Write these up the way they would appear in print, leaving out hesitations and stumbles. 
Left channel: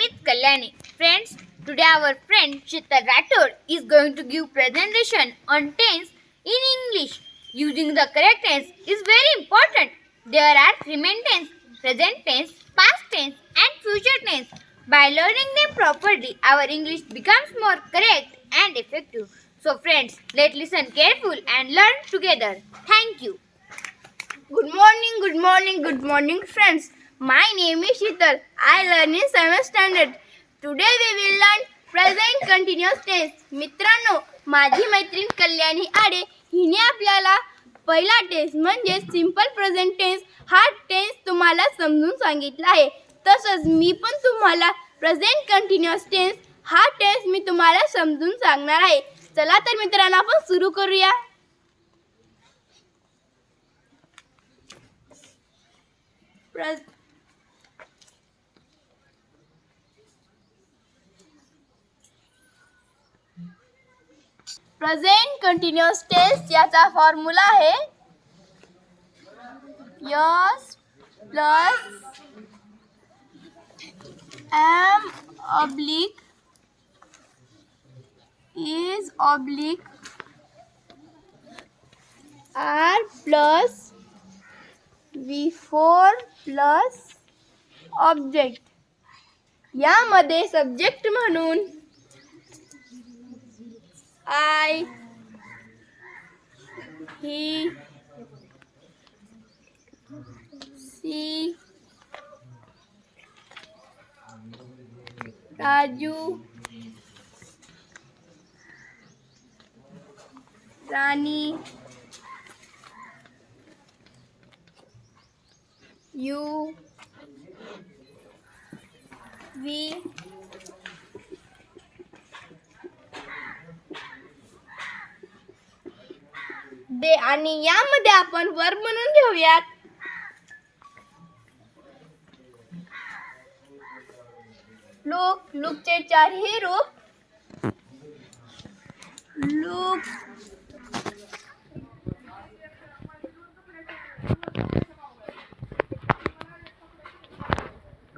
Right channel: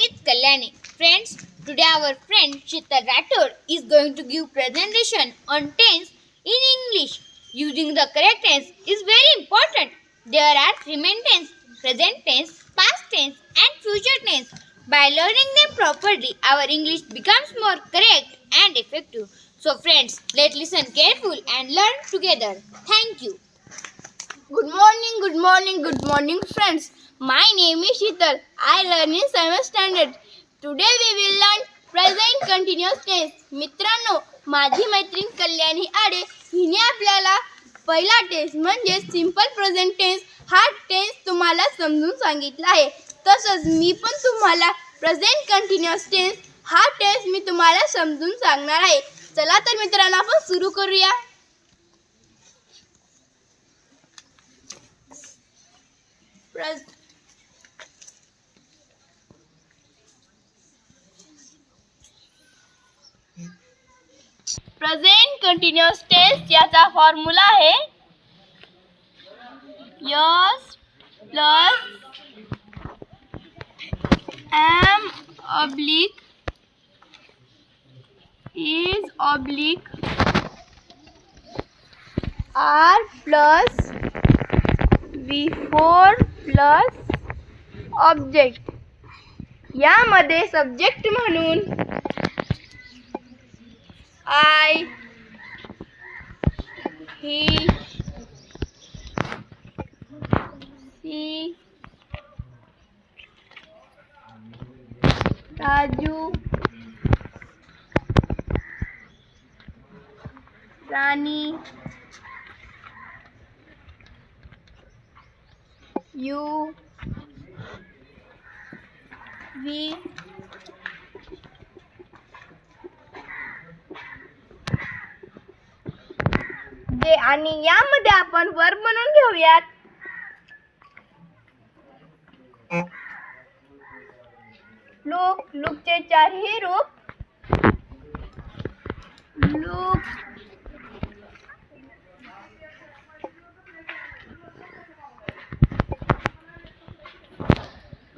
name is Kalyani. Friends, today our friend Sheetal Rathod is going to give presentation on tense in English. Using the correct tense is very important. There are remain tense, present tense, past tense and future tense. By learning them properly, our English becomes more correct and effective. So friends, let's listen careful and learn together. Thank you. Good morning, friends. My name is Sheetal. I learn in 7th standard. Today we will learn present continuous tense. मित्रांनो, माझी मैत्रीण कल्याणी आडे हिने आपल्याला पहिला टेन्स म्हणजे simple present tense हा टेन्स तुम्हाला समजून सांगितला आहे. तसंच मी पण तुम्हाला प्रेझेंट कंटिन्युअस टेन्स हा टेन्स मी तुम्हाला समजून सांगणार आहे. चला तर मित्रांनो आपण सुरू करूया. प्रेझेंट कंटिन्युअस टेन्स याचा फॉर्म्युला आहे S plus am oblique is oblique are plus V4 plus object. यामध्ये सब्जेक्ट म्हणून I, he, she, Raju, Rani, you, we, दे. आणि यामध्ये आपण वर्ब म्हणून घेऊयात लुकचे चारही रूप लुक,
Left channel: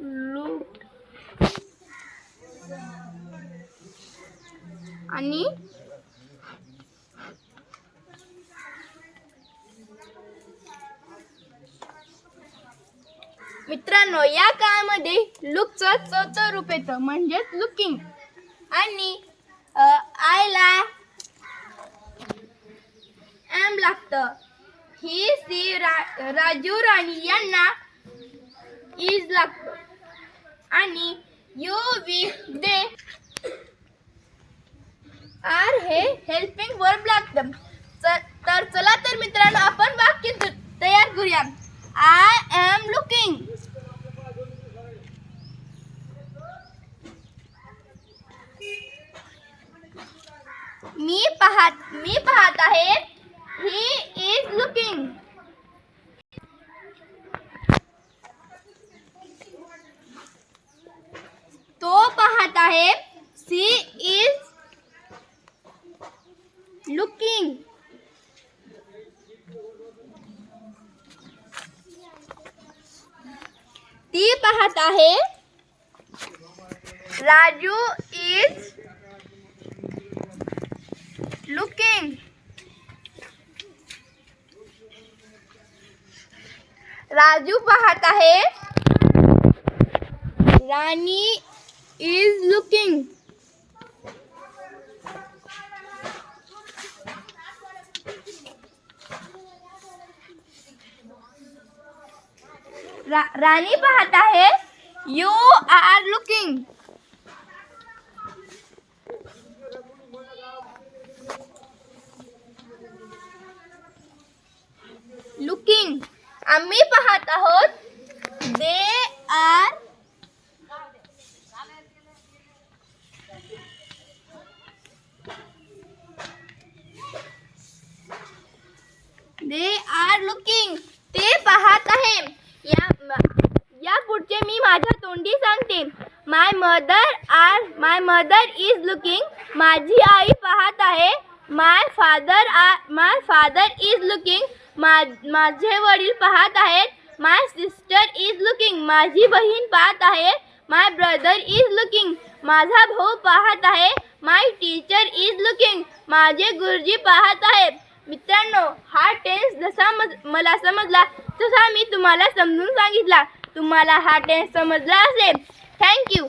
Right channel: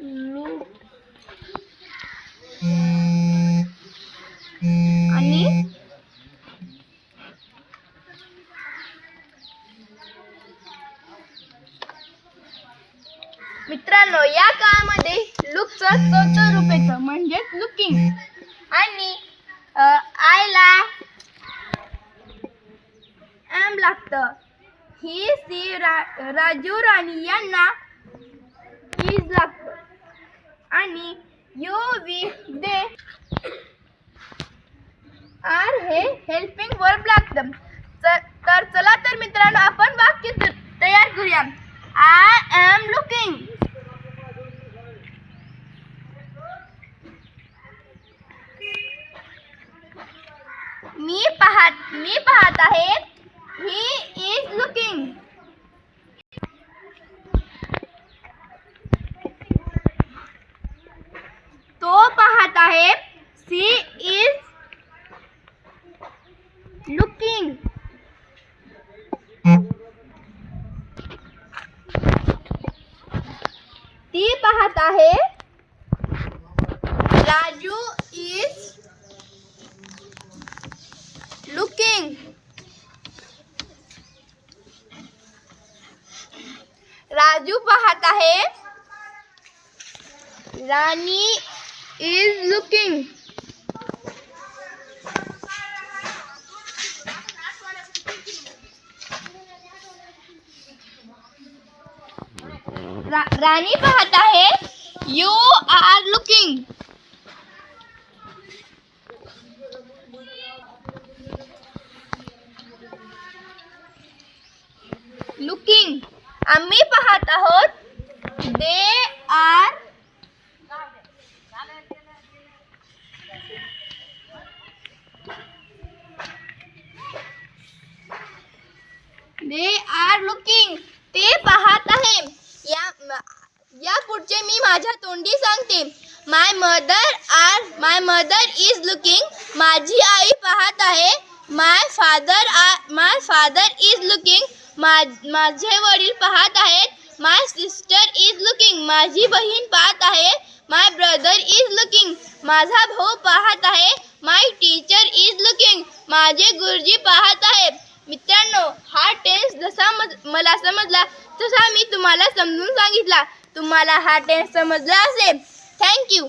लुक आणि मित्रांनो या काळामध्ये लुकचं चौथं रूप येतं म्हणजेच लुकिंग. आणि आयला एम लागतं. ही सी राजू राणी यांना इज लागतं. आणि यू वी दे आर हे हेल्पिंग वर्ब लागतं. तर चला तर मित्रांनो आपण वाक्य तयार करूया. I am looking. मी पाहत आहे. He is looking. तो पाहत आहे. She is looking. ती पाहत आहे. Raju is looking. राजू पाहत आहे. राणी इज लुकिंग. राणी पाहत आहे. You are looking. लुकिंग. आम्ही पाहत आहोत. They are looking. ते पाहत आहे. या पुढचे मी माझ्या तोंडी सांगते. My mother is looking. माझी आई पाहत आहे. My father is looking. माझे वडील पाहत आहेत. My sister is looking. माझी बहीण पाहत आहे. My brother is looking. माझा भाऊ पाहत आहे. My teacher is looking. माझे गुरुजी पाहत आहेत. मित्रांनो, हा टेन्स जसा मला समजला तसा मी तुम्हाला समजून सांगितला. तुम्हाला हा टेन्स समजला असेल. थँक्यू.